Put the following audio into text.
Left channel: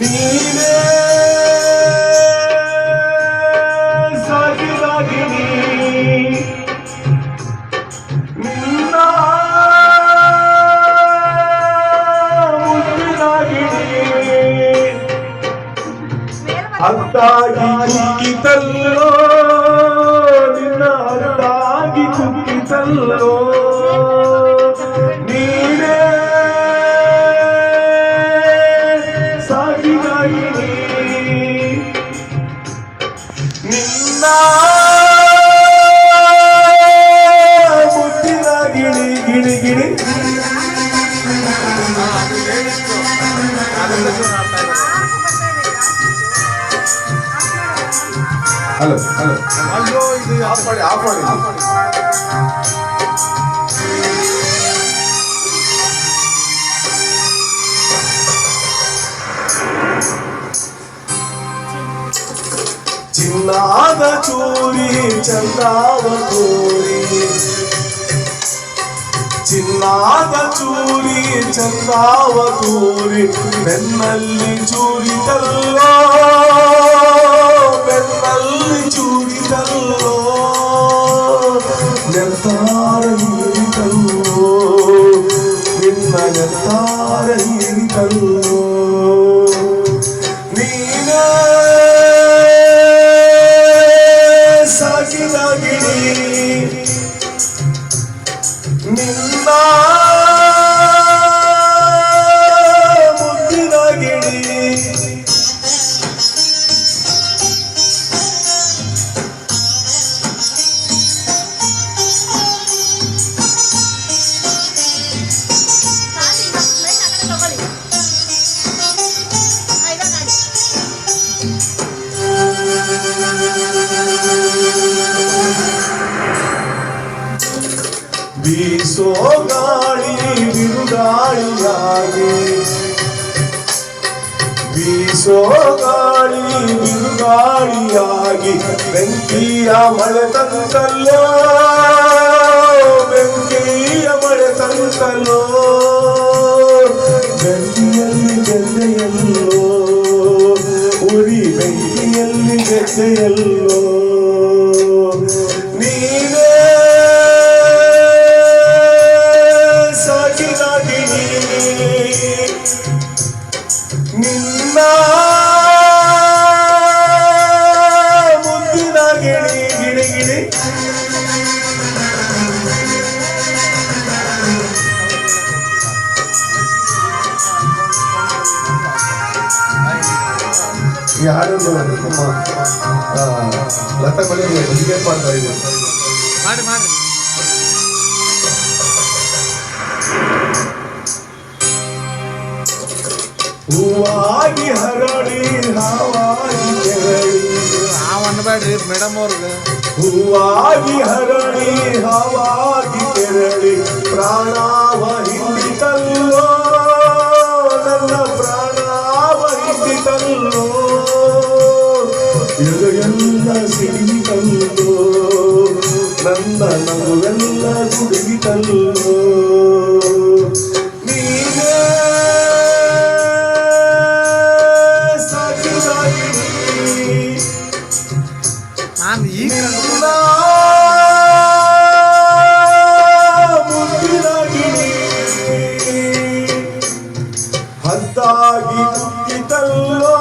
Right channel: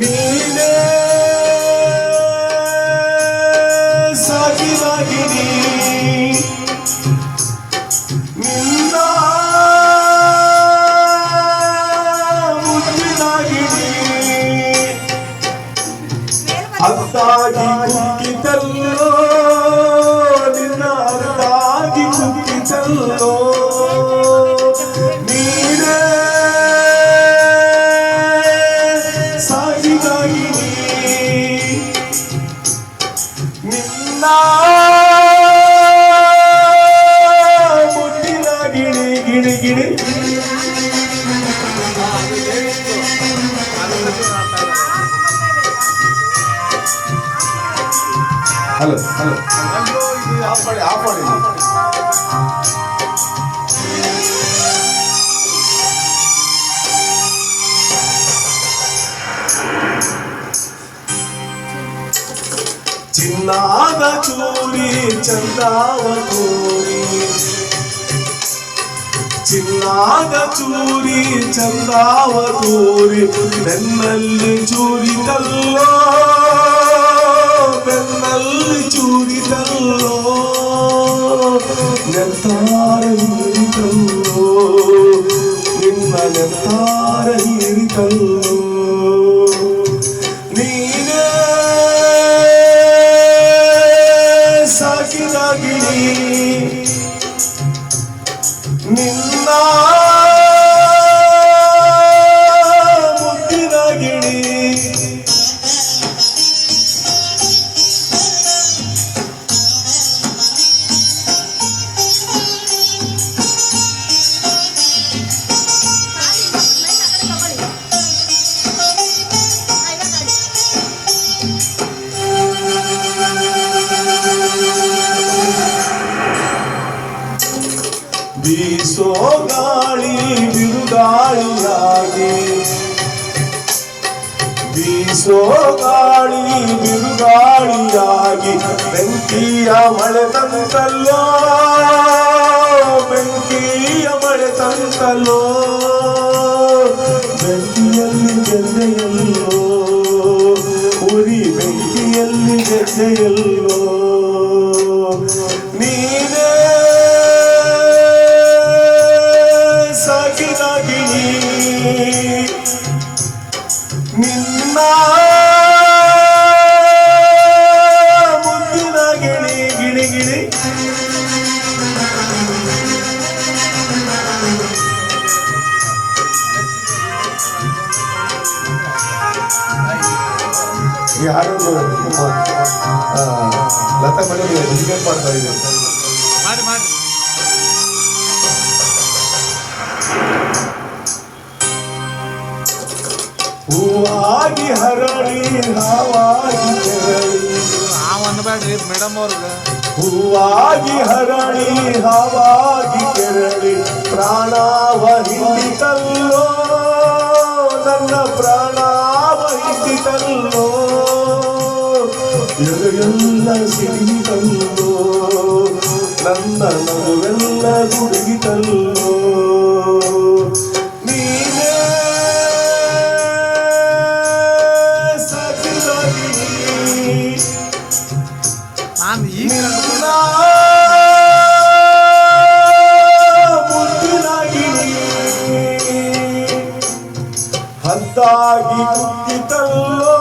నీవే సాకి సాగిని నిన్న అత్తాగి కుక్కితల్లో నిన్న అత్తాగి కుక్కితల్లో ಹಲೋ ಹಲೋ ಅಯ್ಯೋ ಇದು ಆಫ್ ಮಾಡಿ ಆಫ್ ಮಾಡಿ ಚಿನ್ನಾದ ಚೂರಿ ಚಂದಾವ ಚೂರಿ ಚಿನ್ನಾದ ಚೂರಿ ಚಂದಾವ ಚೂರಿ ಬೆನ್ನಲ್ಲಿ ಚೂರಿತಲ್ಲೋ ಬೆನ್ನಲ್ಲಿ ಚೂರಿತಲ್ಲೋ ನೆತ್ತಾರ ಹೀರಿತಲ್ಲೋ ನಿನ್ನ ನೆತ್ತಾರ ಹೀರಿತಲ್ಲೋ ಬೀಸೋ ಗಾಳಿ ಬಿರುಗಾಳಿಯಾಗಿ. ಬೀಸೋ ಗಾಳಿ ಬಿರುಗಾಳಿಯಾಗಿ. ಬೆಂಕಿಯ ಮಳೆ ತಂತಲ್ಲೋ ಬೆಂಕಿಯ ಮಳೆ ತಂತಲ್ಲೋ. ಈ ಹಾಡನ್ನು ನಮ್ಮ ಆ, ಲತಾ ಮೇಡಮ್ ಡೆಡಿಕೇಟ್ ಮಾಡ್ತಾ ಇದ್ದೀನಿ ಮಾಡಿ ಮಾಡಿ ಹೂವಾಗಿ ಹರಳಿ ಹಾವಾಗಿ ಕೆರಳಿ ಆ ಅನ್ಬೇಡ್ರಿ ಮೇಡಮ್ ಅವ್ರಿಗೆ ಹೂವಾಗಿ ಹರಳಿ ಹಾವಾಗಿ ಕೆರಳಿ ಪ್ರಾಣವ ಎಲು ಎಲ್ಲ ಸಿಡಿತಲ್ಲೋ ನನ್ನ ನಗುವೆಲ್ಲ ಗುಡುಗಿತಲ್ಲೋ ನೀನೇ ಸಾಕಿದಾಗಿ ನಾನು ಈಗ ನಿನ್ನ ಮುದ್ದಿನಾಗಿನಿ ಹತ್ತಾಗಿ ಕುಕ್ಕಿತಲ್ಲೋ